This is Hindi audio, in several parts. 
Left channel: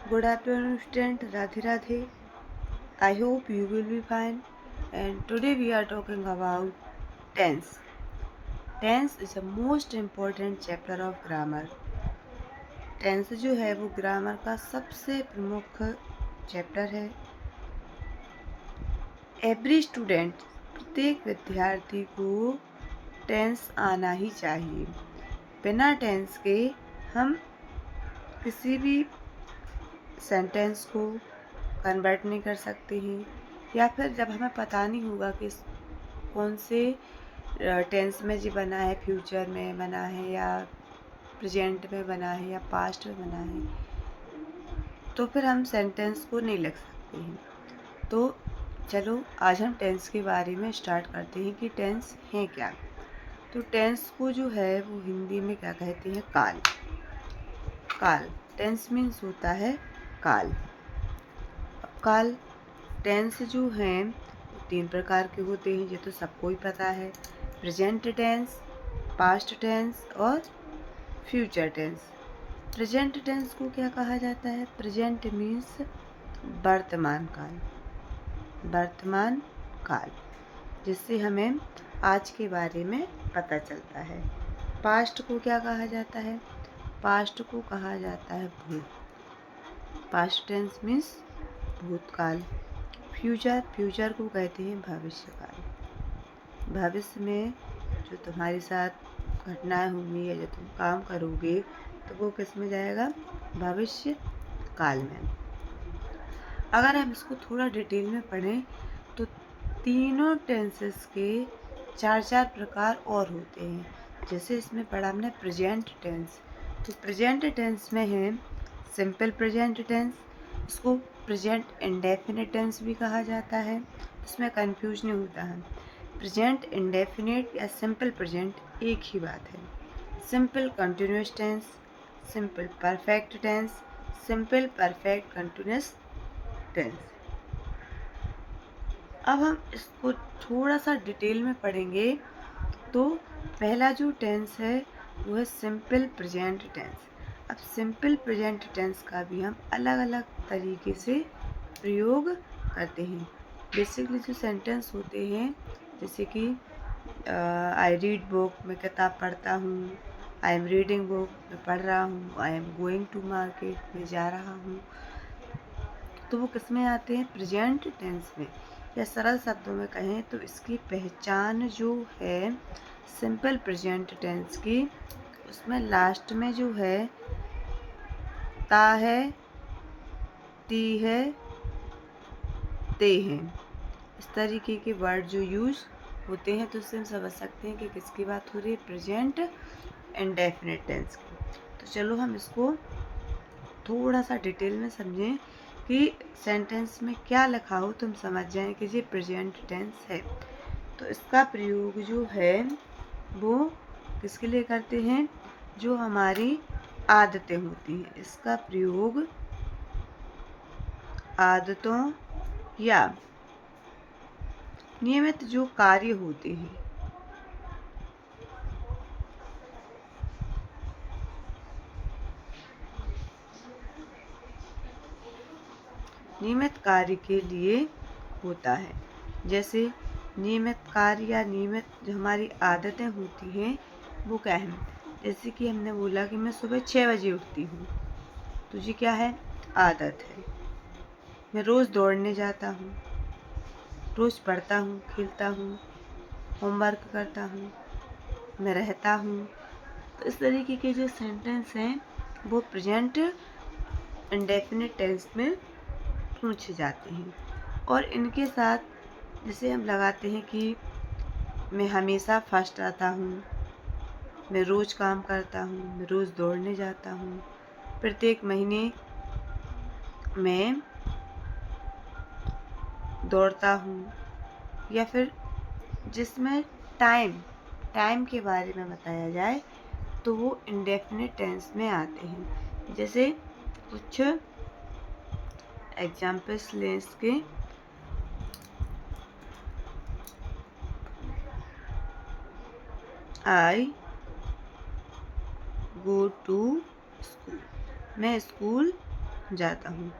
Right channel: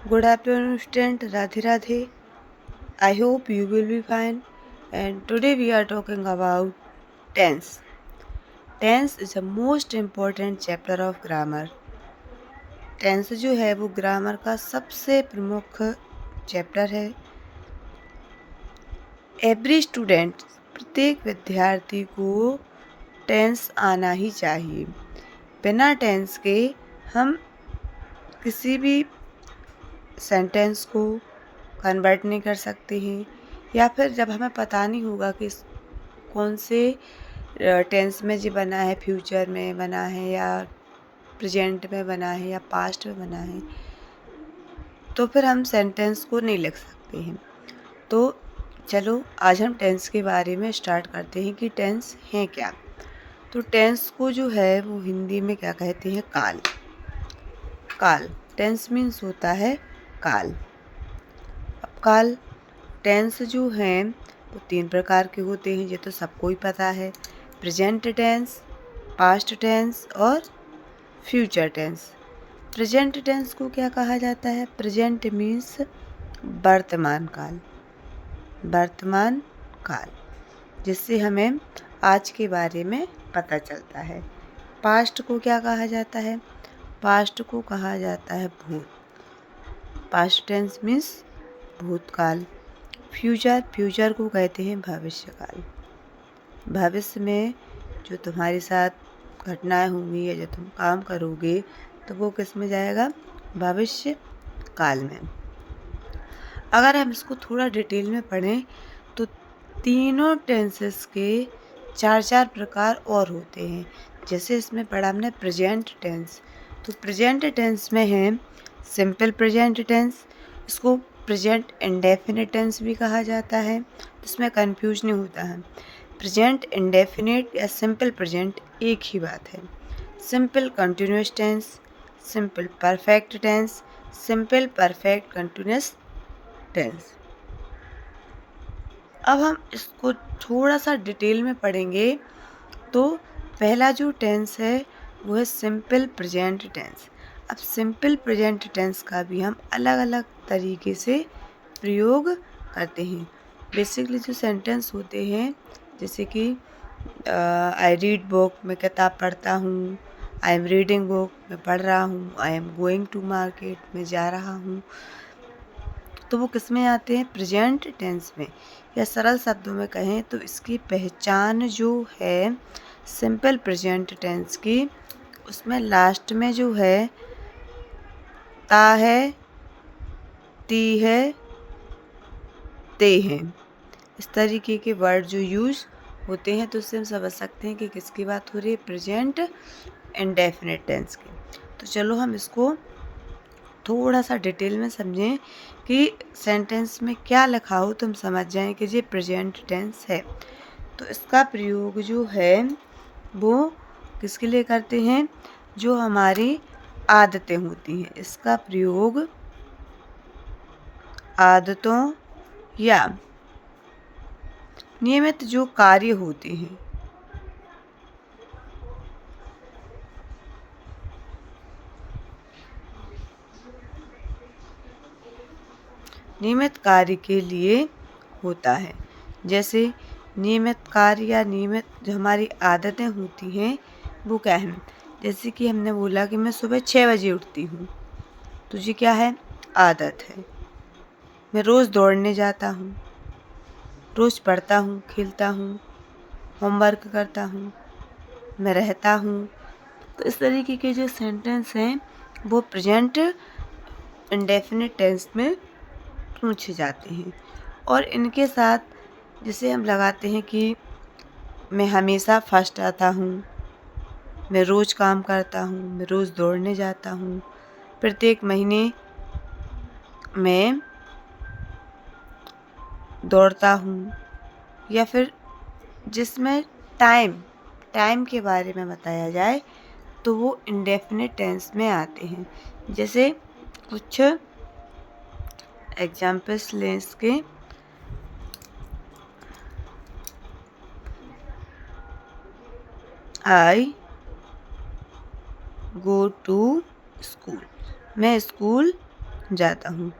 Good afternoon, student. Radhe Radhe. I hope you will be fine. And today we are talking about tense. Tense is the most important chapter of grammar. Tense जो है वो ग्रामर का सबसे प्रमुख चैप्टर है। एवरी स्टूडेंट, प्रत्येक विद्यार्थी को टेंस आना ही चाहिए। बिना टेंस के हम किसी भी सेंटेंस को कन्वर्ट नहीं कर सकते हैं, या फिर जब हमें पता नहीं होगा कि कौन से टेंस में जी बना है, फ्यूचर में बना है या प्रेजेंट में बना है या पास्ट में बना है, तो फिर हम सेंटेंस को नहीं लिख सकते हैं। तो चलो आज हम टेंस के बारे में स्टार्ट करते हैं कि टेंस है क्या। तो टेंस को जो है वो हिंदी में क्या कहते हैं? काल। काल टेंस मीन्स होता है काल। अब काल टेंस जो हैं वो 3 प्रकार के होते हैं, ये तो सबको ही पता है। प्रेजेंट टेंस, पास्ट टेंस और फ्यूचर टेंस। प्रेजेंट टेंस को क्या कहा जाता है? प्रेजेंट मीन्स वर्तमान काल। वर्तमान काल, जिससे हमें आज के बारे में पता चलता है। पास्ट को क्या कहा जाता है? पास्ट को कहा जाता है भूत। पास्ट टेंस मीन्स भूतकाल। फ्यूचर, फ्यूचर को कहते हैं भविष्यकाल। भविष्य में जो तुम्हारे साथ घटनाएं होंगी या जो तुम काम करोगे तो वो किस में जाएगा? भविष्य काल में। अगर हम इसको थोड़ा डिटेल में पढ़ें तो तीनों टेंसेस के 4 प्रकार और होते हैं। जैसे इसमें पढ़ा हमने प्रेजेंट टेंस, तो प्रेजेंट टेंस में है सिंपल प्रेजेंट टेंस। इसको प्रेजेंट इंडेफिनिट टेंस भी कहा जाता है, इसमें कंफ्यूज नहीं होता है। प्रेजेंट इंडेफिनिट या सिंपल प्रेजेंट एक ही बात है। Simple continuous tense, simple perfect tense, simple perfect continuous tense. अब हम इसको थोड़ा सा डिटेल में पढ़ेंगे। तो पहला जो टेंस है वो है सिंपल प्रेजेंट टेंस। अब सिंपल प्रेजेंट टेंस का भी हम अलग अलग तरीके से प्रयोग करते हैं। बेसिकली जो सेंटेंस होते हैं, जैसे कि आई रीड बुक, मैं किताब पढ़ता हूँ। आई एम रीडिंग बुक, मैं पढ़ रहा हूँ। I am going to market, मैं जा रहा हूँ। तो वो किस में आते हैं? प्रेजेंट टेंस में। या सरल शब्दों में कहें तो इसकी पहचान जो है सिंपल प्रेजेंट टेंस की, उसमें लास्ट में जो है ता है, ती है, ते हैं, इस तरीके के वर्ड जो यूज होते हैं, तो उससे हम समझ सकते हैं कि किसकी बात हो रही है? प्रेजेंट इंडेफिनिट टेंस की। तो चलो हम इसको थोड़ा सा डिटेल में समझें कि सेंटेंस में क्या लिखा हो तो हम समझ जाएं कि ये प्रेजेंट टेंस है। तो इसका प्रयोग जो है वो किसके लिए करते हैं? जो हमारी आदतें होती हैं, इसका प्रयोग आदतों या नियमित जो कार्य होते हैं, नियमित कार्य के लिए होता है। जैसे नियमित कार्य या नियमित जो हमारी आदतें होती हैं वो क्या है? जैसे कि हमने बोला कि मैं सुबह 6 बजे उठती हूँ, तो ये क्या है? आदत है। मैं रोज़ दौड़ने जाता हूँ, रोज़ पढ़ता हूँ, खेलता हूँ, होमवर्क करता हूँ, मैं रहता हूँ। तो इस तरीके के जो सेंटेंस हैं वो प्रेजेंट इंडेफिनिट टेंस में पूछे जाते हैं। और इनके साथ जैसे हम लगाते हैं कि मैं हमेशा फर्स्ट आता हूँ, मैं रोज़ काम करता हूँ, मैं रोज़ दौड़ने जाता हूँ, प्रत्येक महीने मैं दौड़ता हूँ, या फिर जिसमें टाइम के बारे में बताया जाए तो वो इंडेफिनिट टेंस में आते हैं। जैसे कुछ एग्जाम्पल्स लें इसके। आई गो टू स्कूल, मैं स्कूल जाता हूँ।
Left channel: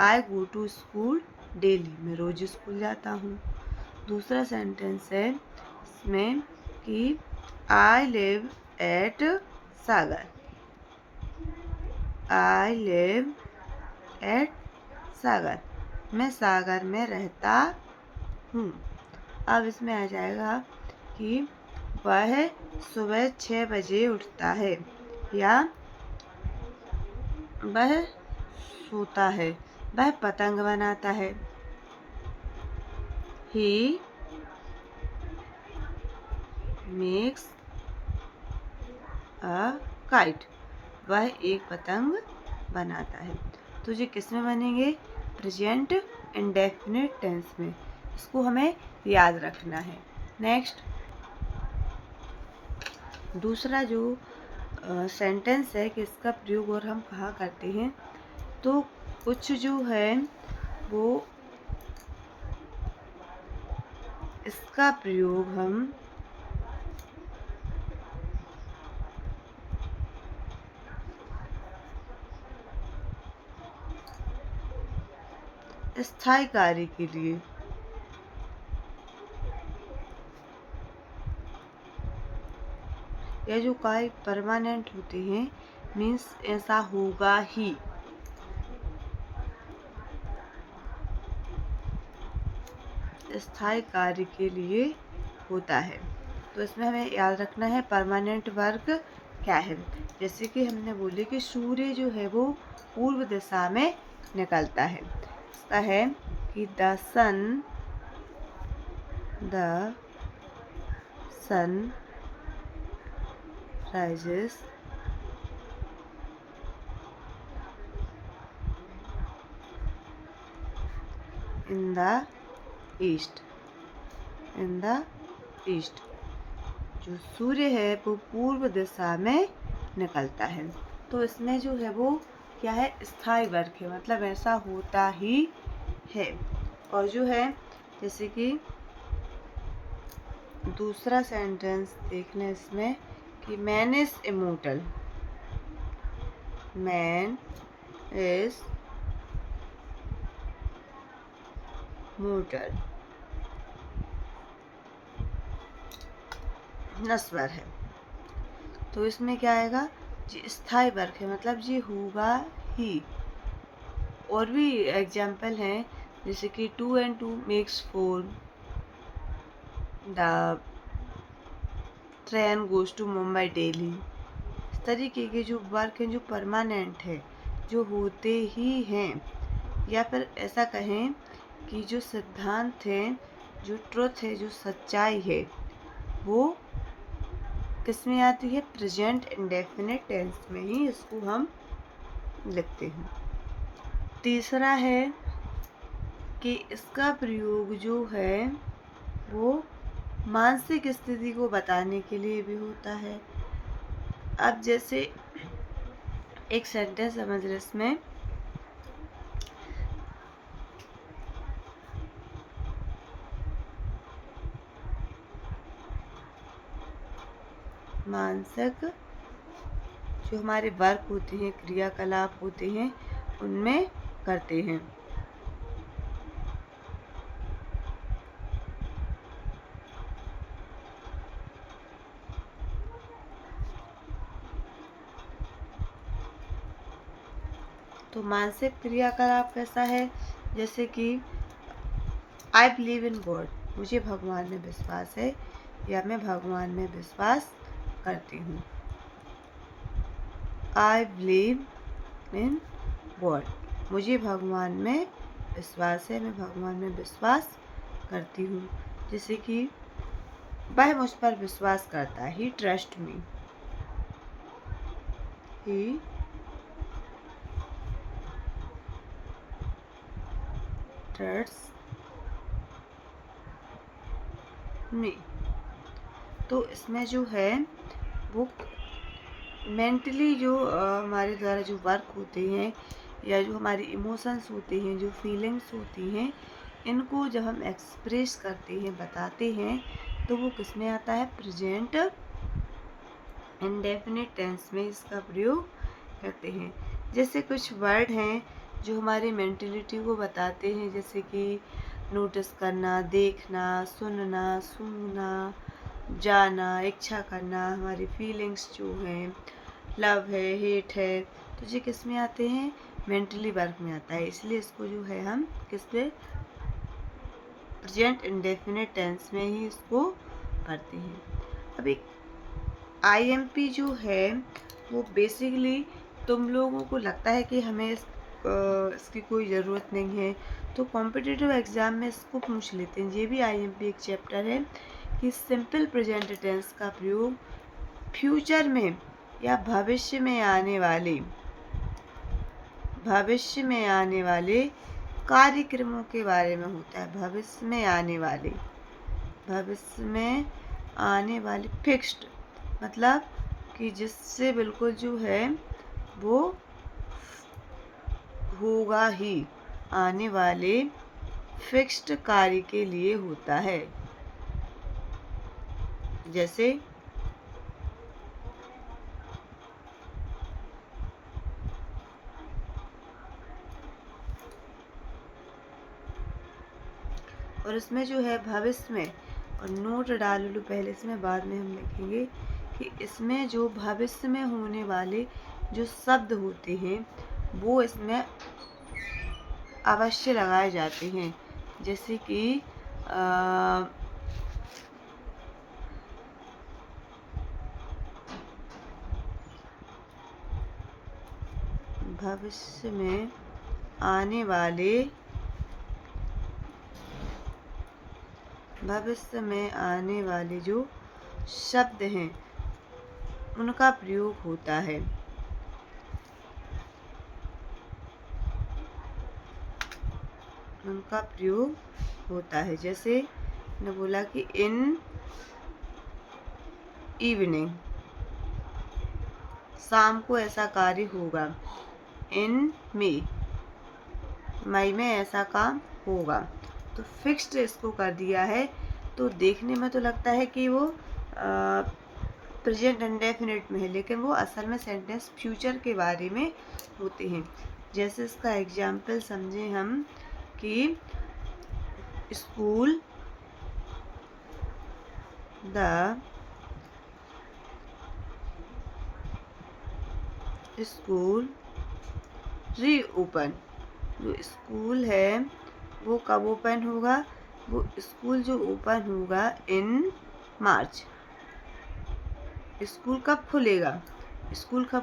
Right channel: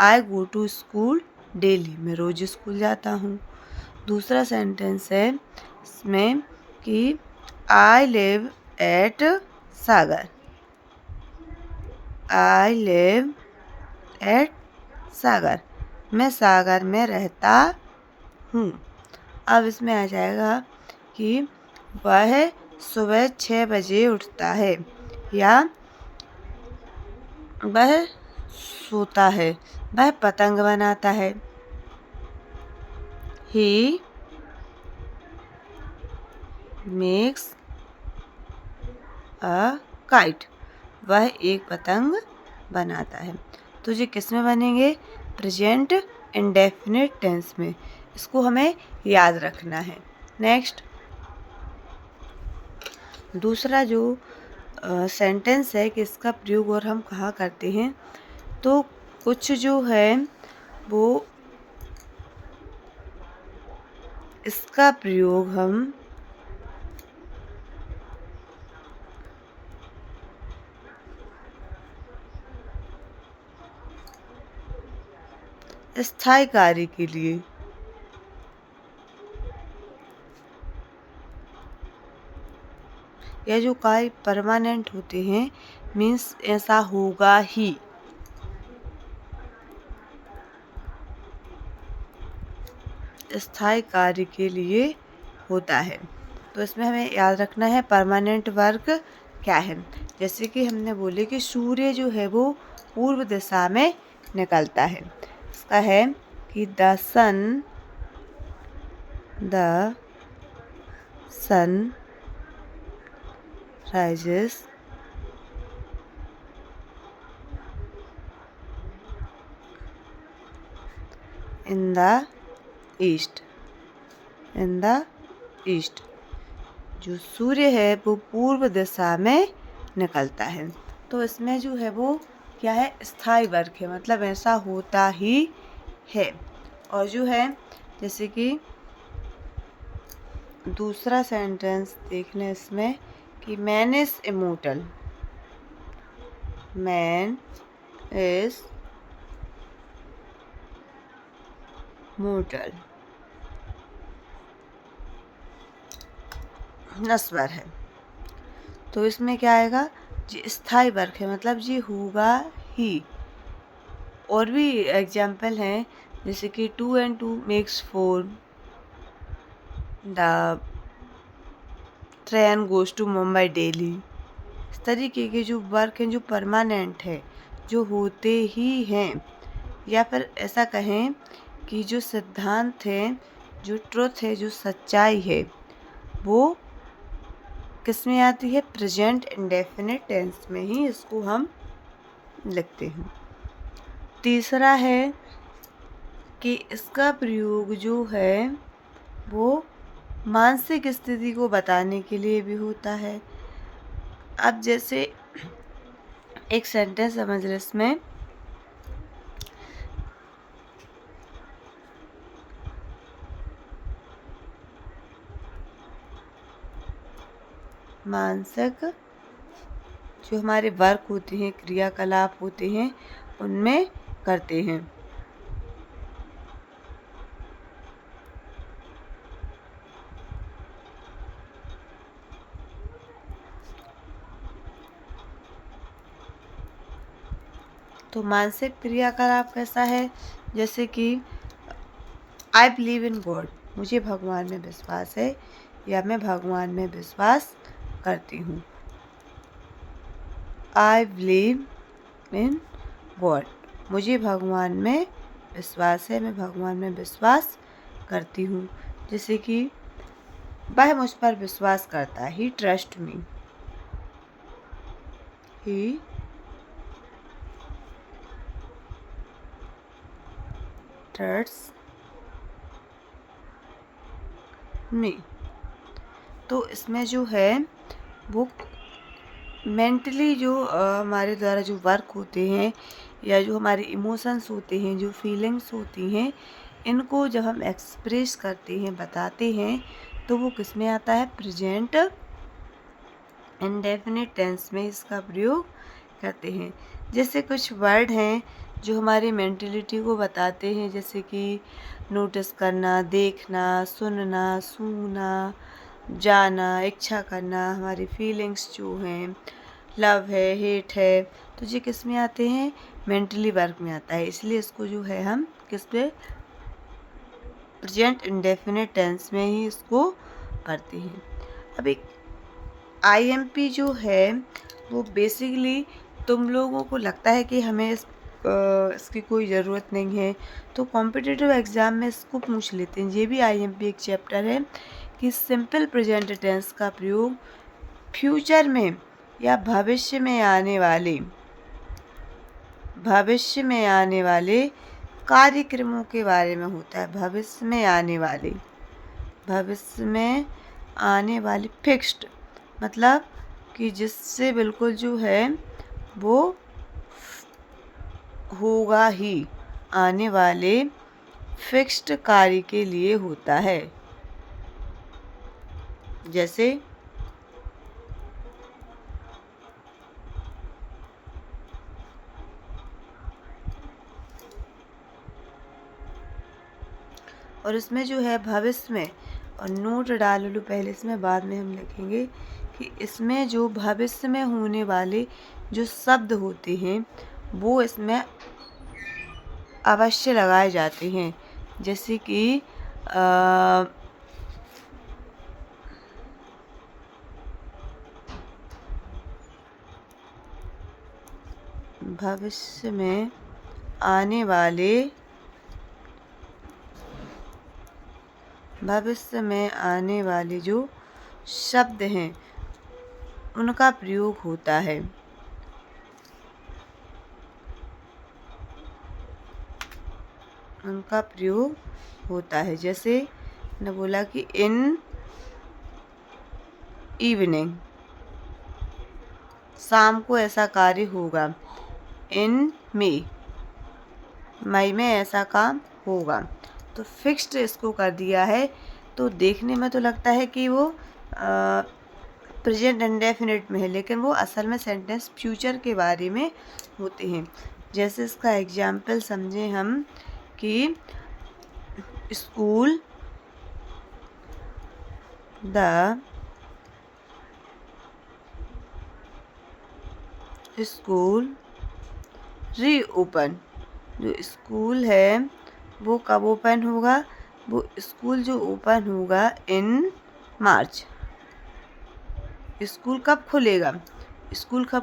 आई गो टू स्कूल डेली, मैं रोज स्कूल जाता हूँ। दूसरा सेंटेंस है इसमें कि I live at Sagar, I live at Sagar, मैं सागर में रहता हूँ। अब इसमें आ जाएगा कि वह सुबह 6 बजे उठता है या वह सोता है, वह पतंग बनाता है। ही मेक्स अ काइट, वह एक पतंग बनाता है। तो ये किस में बनेंगे? प्रेजेंट इंडेफिनिट टेंस में। इसको हमें याद रखना है। नेक्स्ट, दूसरा जो सेंटेंस है कि इसका प्रयोग और हम कहाँ करते हैं, तो कुछ जो है वो इसका प्रयोग हम स्थायी कार्य के लिए, या जो कार्य परमानेंट होते हैं, मीन्स ऐसा होगा ही, स्थायी कार्य के लिए होता है। तो इसमें हमें याद रखना है परमानेंट वर्क क्या है। जैसे कि हमने बोले कि सूर्य जो है वो पूर्व दिशा में निकलता है। इसका है कि the sun rises in the east, in the east, जो सूर्य है वो पूर्व दिशा में निकलता है। तो इसमें जो है वो क्या है? स्थायी वर्ग है, मतलब ऐसा होता ही है। और जो है जैसे कि दूसरा सेंटेंस देखने इसमें कि man is immortal, man is mortal, नस्वर है। तो इसमें क्या आएगा? जी स्थायी वर्ग है, मतलब जी होगा ही। और भी एग्जाम्पल हैं जैसे कि 2 and 2 makes 4, the train goes to Mumbai daily. इस तरीके के जो वर्क हैं जो परमानेंट है, जो होते ही हैं, या फिर ऐसा कहें कि जो सिद्धांत है, जो ट्रुथ है, जो सच्चाई है, वो किस में आती है? प्रेजेंट इंडेफिनिट टेंस में ही इसको हम लिखते हैं। तीसरा है कि इसका प्रयोग जो है वो मानसिक स्थिति को बताने के लिए भी होता है। अब जैसे एक सेंटेंस समझ रहे इसमें, मानसिक जो हमारे वर्क होते हैं, क्रियाकलाप होते हैं, उनमें करते हैं। तो मानसिक क्रियाकलाप कैसा है? जैसे कि आई बिलीव इन गॉड, मुझे भगवान में विश्वास है या मैं भगवान में विश्वास करती हूँ। आई बिलीव इन गॉड, मुझे भगवान में विश्वास है, मैं भगवान में विश्वास करती हूँ। जैसे कि वह मुझ पर विश्वास करता है, ही ट्रस्ट मी, ही ट्रस्ट मी। तो इसमें जो है वो मेंटली जो हमारे द्वारा जो वर्क होते हैं, या जो हमारे इमोशंस होते हैं, जो फीलिंग्स होती हैं, इनको जब हम एक्सप्रेस करते हैं, बताते हैं, तो वो किस में आता है? प्रेजेंट इंडेफिनिट टेंस में इसका प्रयोग करते हैं। जैसे कुछ वर्ड हैं जो हमारी मेंटलिटी को बताते हैं, जैसे कि नोटिस करना, देखना, सुनना, सूंघना, जाना, इच्छा करना, हमारी फीलिंग्स जो हैं, लव है, हेट है, तो ये किस में आते हैं? मेंटली वर्क में आता है। इसलिए इसको जो है हम किस पे? प्रेजेंट इंडेफिनिट टेंस में ही इसको पढ़ते हैं। अब एक आईएमपी जो है वो बेसिकली तुम लोगों को लगता है कि हमें इसकी कोई ज़रूरत नहीं है, तो कॉम्पिटिटिव एग्ज़ाम में इसको पूछ लेते हैं। ये भी आईएमपी एक चैप्टर है कि सिंपल प्रेजेंट टेंस का प्रयोग फ्यूचर में या भविष्य में आने वाले कार्यक्रमों के बारे में होता है। भविष्य में आने वाले फिक्स्ड, मतलब कि जिससे बिल्कुल जो है वो होगा ही, आने वाले फिक्स्ड कार्य के लिए होता है। जैसे और इसमें जो है भविष्य में, और नोट डाल लो पहले, इसमें बाद में हम लिखेंगे कि इसमें जो भविष्य में होने वाले जो शब्द होते हैं वो इसमें अवश्य लगाए जाते हैं। जैसे कि भविष्य में आने वाले जो शब्द हैं उनका प्रयोग होता है। जैसे ने बोला कि इन इवनिंग, शाम को ऐसा कार्य होगा। इन मई में ऐसा काम होगा। तो फिक्स्ड इसको कर दिया है। तो देखने में तो लगता है कि वो प्रेजेंट इंडेफिनिट में है, लेकिन वो असल में सेंटेंस फ्यूचर के बारे में होते हैं। जैसे इसका एग्जाम्पल समझे हम कि स्कूल रीओपन। जो स्कूल है वो कब ओपन होगा? वो स्कूल जो ओपन होगा इन मार्च। स्कूल कब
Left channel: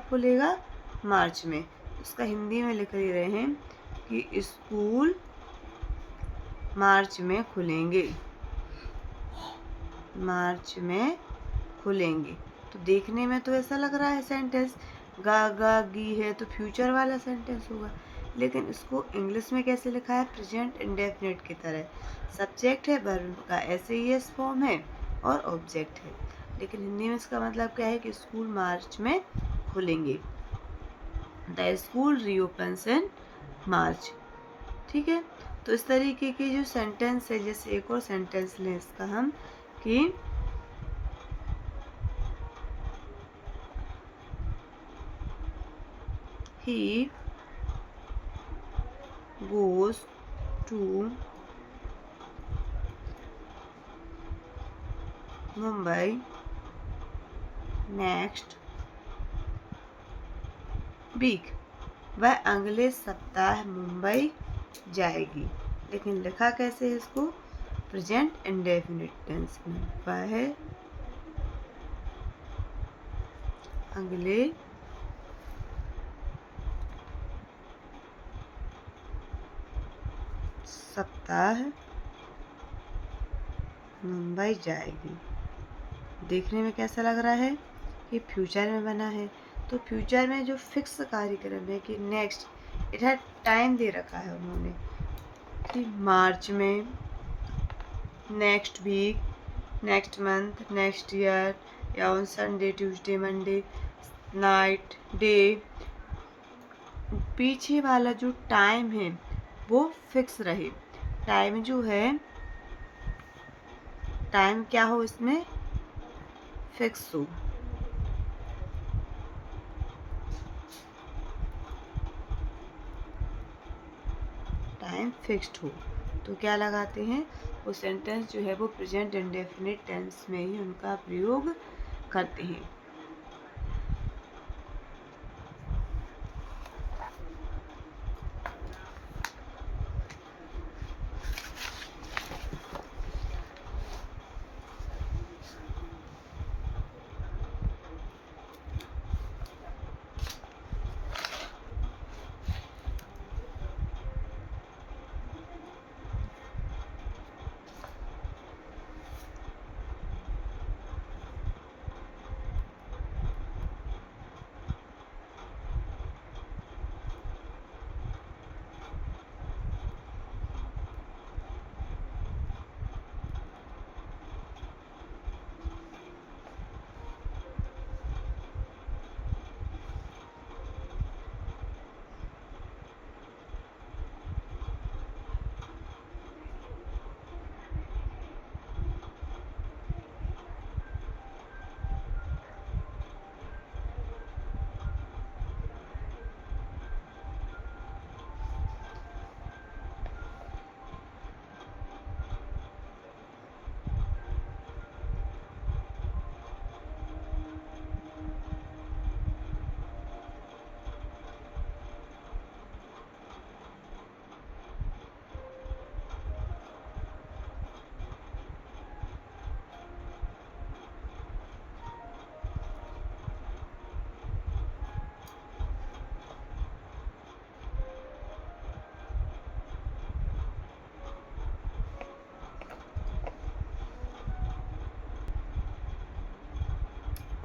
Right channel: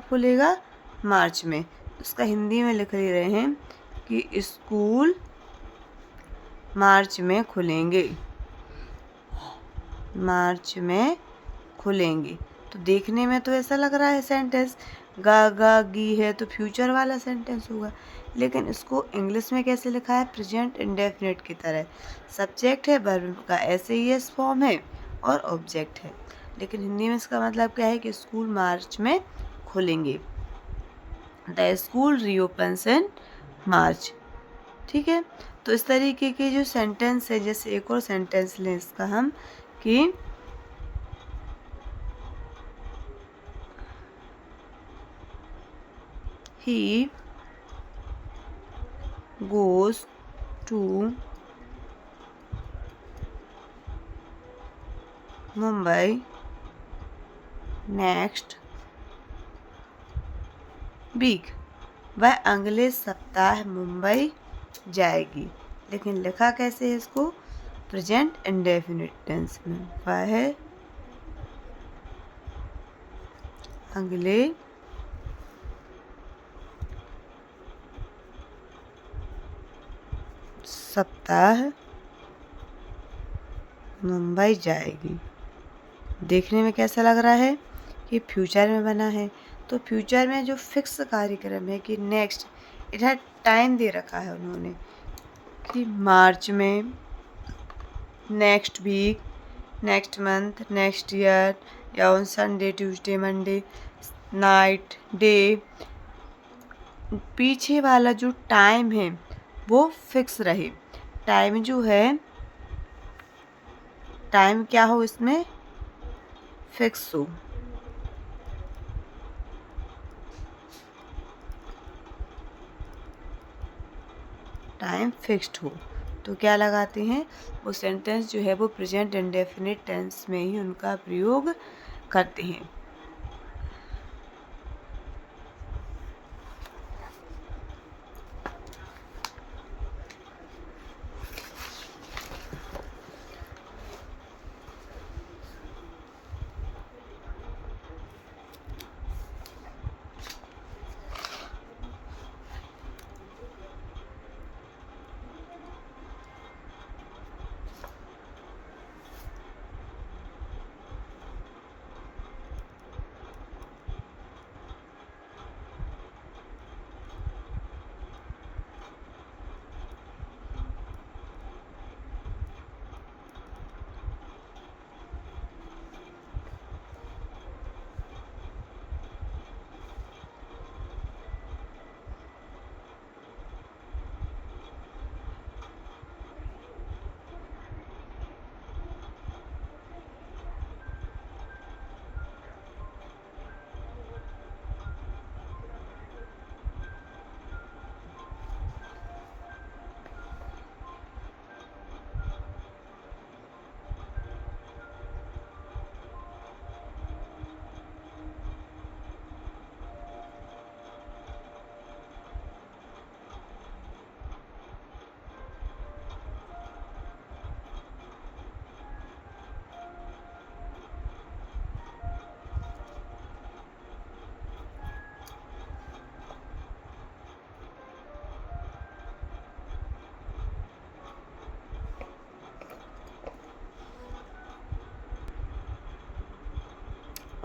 खुलेगा? मार्च में। उसका हिंदी में लिख ले रहे हैं कि स्कूल मार्च में खुलेंगे। तो देखने में तो ऐसा लग रहा है सेंटेंस गा गी है, तो फ्यूचर वाला सेंटेंस होगा, लेकिन इसको इंग्लिश में कैसे लिखा है? प्रेजेंट इंडेफिनिट की तरह। सब्जेक्ट है, वर्ब का एस फॉर्म है और ऑब्जेक्ट है, लेकिन हिंदी में इसका मतलब क्या है कि स्कूल मार्च में खुलेंगे। द स्कूल रीओपन्स इन मार्च। ठीक है, तो इस तरीके के जो सेंटेंस है, जैसे एक और सेंटेंस लें इसका हम कि he goes to Mumbai next week। वह अगले सप्ताह मुंबई जाएगी, लेकिन लिखा कैसे है इसको? प्रेजेंट इंडेफिनिट टेंस में। वह अगले सप्ताह मुंबई जाएगी। देखने में कैसा लग रहा है कि फ्यूचर में बना है। तो फ्यूचर में जो फिक्स कार्यक्रम है कि नेक्स्ट, इधर टाइम दे रखा है उन्होंने कि मार्च में, next week, next month, next year, या on Sunday, Tuesday, Monday, night, day. पीछे वाला जो टाइम है वो फिक्स रहे। टाइम जो है, टाइम क्या हो इसमें? फिक्स हो। टाइम फिक्स्ड हो। तो क्या लगाते हैं, वो सेंटेंस जो है वो प्रेजेंट इंडेफिनिट टेंस में ही उनका प्रयोग करते हैं।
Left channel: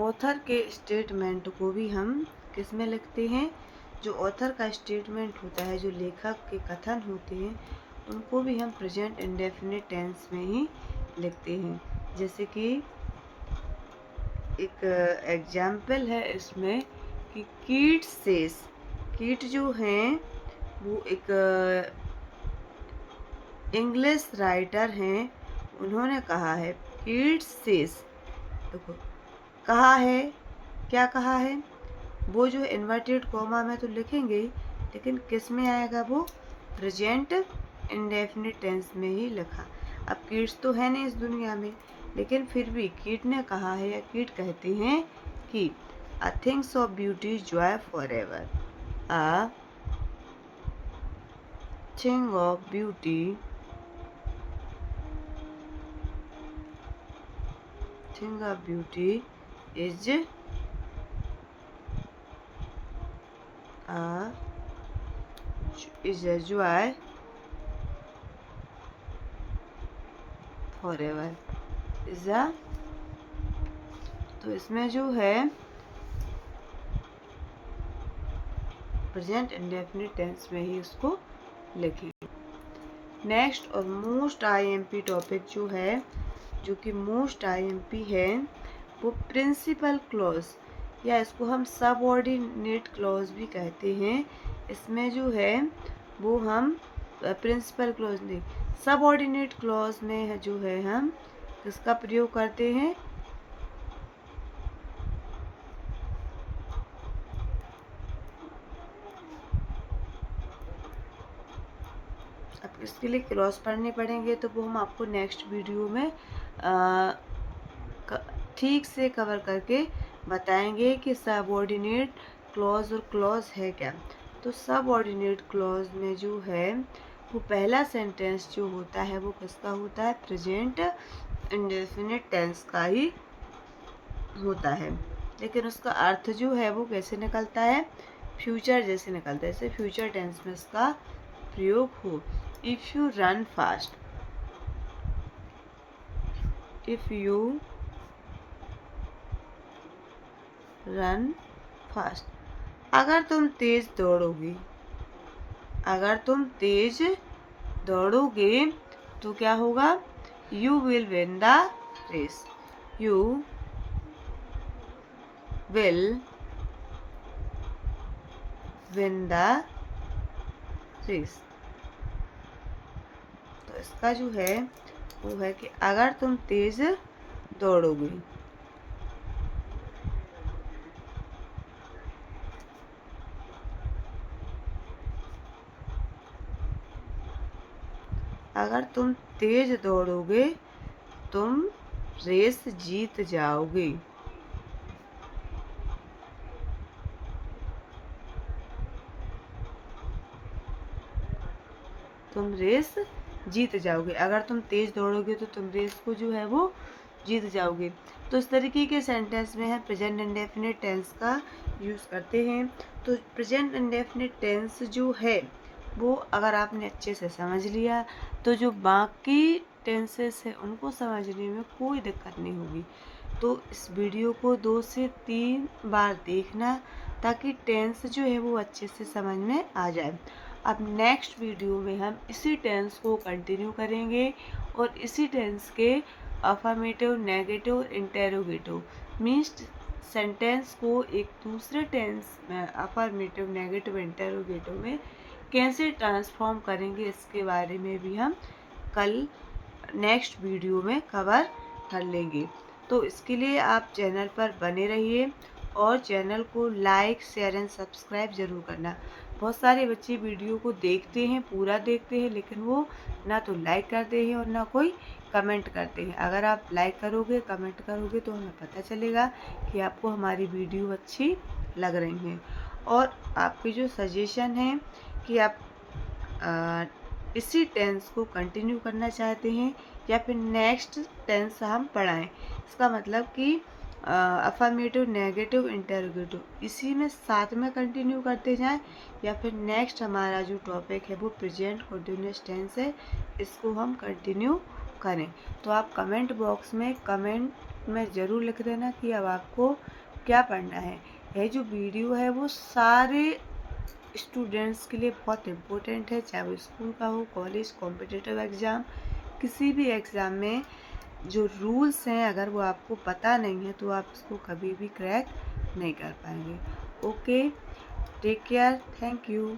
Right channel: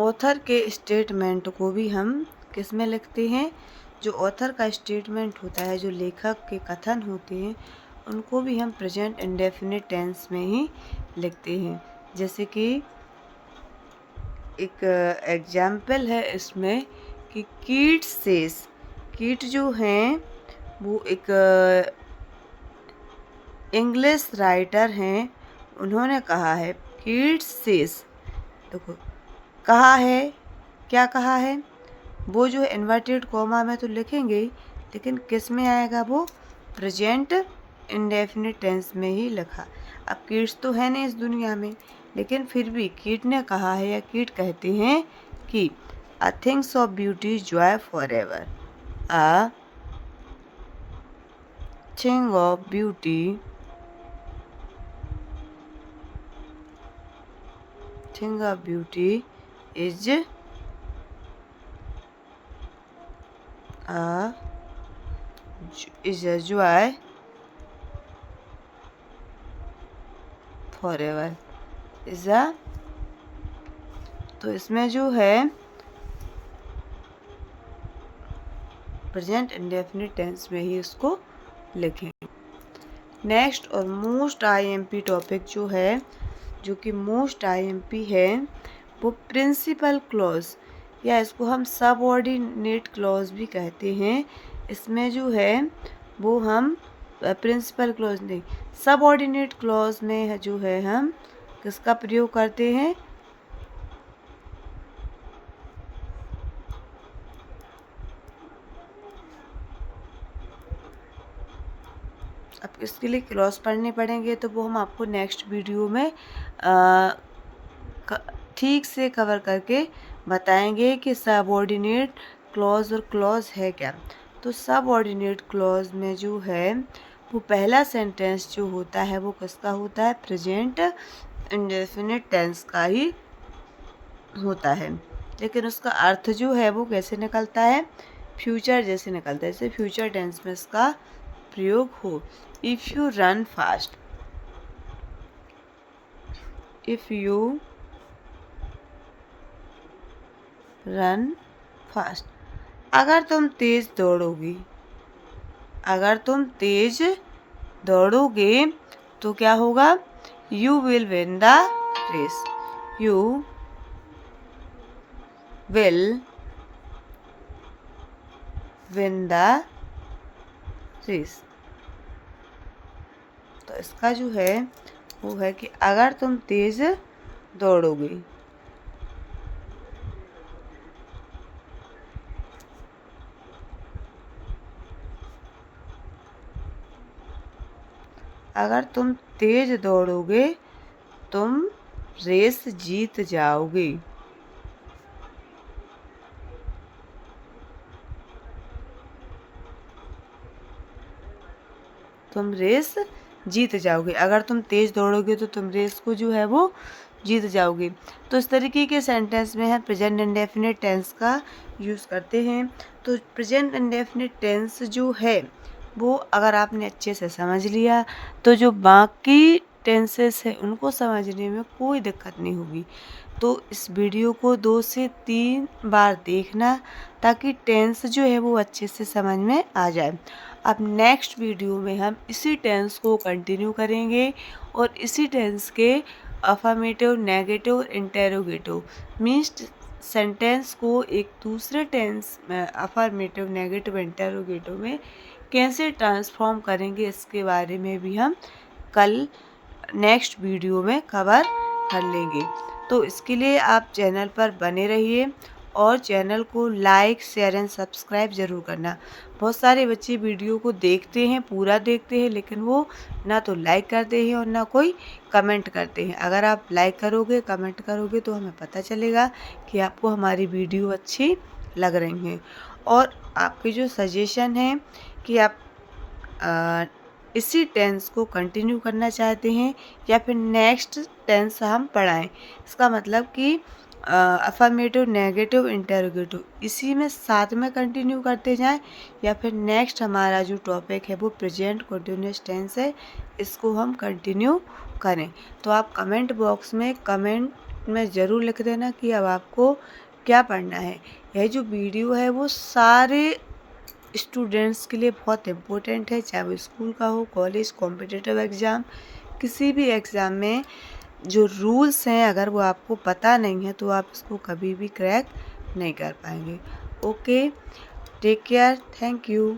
ऑथर के स्टेटमेंट को भी हम किस में लिखते हैं, जो ऑथर का स्टेटमेंट होता है, जो लेखक के कथन होते हैं, उनको भी हम प्रेजेंट इंडेफिनिट टेंस में ही लिखते हैं। जैसे कि एक एग्जाम्पल है इसमें कि कीट सेज, कीट जो हैं वो एक इंग्लिश राइटर हैं, उन्होंने कहा है, कीट सेज, देखो कहा है, क्या कहा है, वो जो इन्वर्टेड कॉमा में तो लिखेंगे ही, लेकिन किस में आएगा, वो प्रेजेंट इंडेफिनिट टेंस में ही लिखा। अब कीट्स तो है नहीं इस दुनिया में, लेकिन फिर भी कीट ने कहा है, या कीट कहते हैं कि a things of beauty Joy for ever, a thing of beauty, thing of beauty is a joy forever is a, तो इसमें जो है प्रेजेंट इंडेफिनिट टेंस में ही इसको लिखें। नेक्स्ट और मोस्ट आईएमपी टॉपिक जो है, जो कि मोस्ट आईएमपी है, वो प्रिंसिपल क्लॉज, या इसको हम सबऑर्डिनेट क्लॉज भी कहते हैं। इसमें जो है वो हम प्रिंसिपल क्लॉज नहीं, सबऑर्डिनेट क्लॉज में जो है हम किसका प्रयोग करते हैं, अब इसके लिए क्लॉज पढ़ने पड़ेंगे, तो वो हम आपको नेक्स्ट वीडियो में ठीक से कवर करके बताएंगे कि सबऑर्डिनेट क्लॉज और क्लॉज है क्या। तो सबऑर्डिनेट क्लॉज में जो है वो पहला सेंटेंस जो होता है वो किसका होता है, प्रेजेंट इंडेफिनिट टेंस का ही होता है, लेकिन उसका अर्थ जो है वो कैसे निकलता है, फ्यूचर जैसे निकलता है, जैसे फ्यूचर टेंस में इसका प्रयोग हो। If you run fast, if you run fast, अगर तुम तेज दौड़ोगे, अगर तुम तेज दौड़ोगे तो क्या होगा, you will win the race, you will win the race. तो इसका जो है वो है कि अगर तुम तेज दौड़ोगे, अगर तुम तेज दौड़ोगे तुम रेस जीत जाओगे। तुम रेस जीत जाओगे। अगर तुम तेज दौड़ोगे तो तुम रेस को जो है वो जीत जाओगे। तो इस तरीके के सेंटेंस में हम प्रेजेंट इंडेफिनिट टेंस का यूज़ करते हैं। तो प्रेजेंट इंडेफिनिट टेंस जो है वो अगर आपने अच्छे से समझ लिया तो जो बाकी टेंसेस है उनको समझने में कोई दिक्कत नहीं होगी। तो इस वीडियो को 2 से 3 बार देखना ताकि टेंस जो है वो अच्छे से समझ में आ जाए। अब नेक्स्ट वीडियो में हम इसी टेंस को कंटिन्यू करेंगे और इसी टेंस के affirmative, negative, interrogative means sentence को एक दूसरे टेंस में अफर्मेटिव, नेगेटिव, इंटेरोगेटिव में कैसे ट्रांसफॉर्म करेंगे इसके बारे में भी हम कल नेक्स्ट वीडियो में कवर कर लेंगे। तो इसके लिए आप चैनल पर बने रहिए और चैनल को लाइक, शेयर एंड सब्सक्राइब ज़रूर करना। बहुत सारे बच्चे वीडियो को देखते हैं, पूरा देखते हैं, लेकिन वो ना तो लाइक करते हैं और ना कोई कमेंट करते हैं। अगर आप लाइक करोगे, कमेंट करोगे तो हमें पता चलेगा कि आपको हमारी वीडियो अच्छी लग रही है। और आपके जो सजेशन है कि आप इसी टेंस को कंटिन्यू करना चाहते हैं या फिर नेक्स्ट टेंस हम पढ़ाएं, इसका मतलब कि अफर्मेटिव, नेगेटिव, इंटेरोगेटिव इसी में साथ में कंटिन्यू करते जाएं या फिर नेक्स्ट हमारा जो टॉपिक है वो प्रेजेंट कंटिन्यूअस टेंस है, इसको हम कंटिन्यू करें। तो आप कमेंट बॉक्स में कमेंट में ज़रूर लिख देना कि अब आपको क्या पढ़ना है। यह जो वीडियो है वो सारे स्टूडेंट्स के लिए बहुत इम्पोर्टेंट है, चाहे वो स्कूल का हो, कॉलेज, कॉम्पिटिटिव एग्ज़ाम, किसी भी एग्ज़ाम में जो रूल्स हैं अगर वो आपको पता नहीं है तो आप इसको कभी भी क्रैक नहीं कर पाएंगे। Okay, take care, thank you.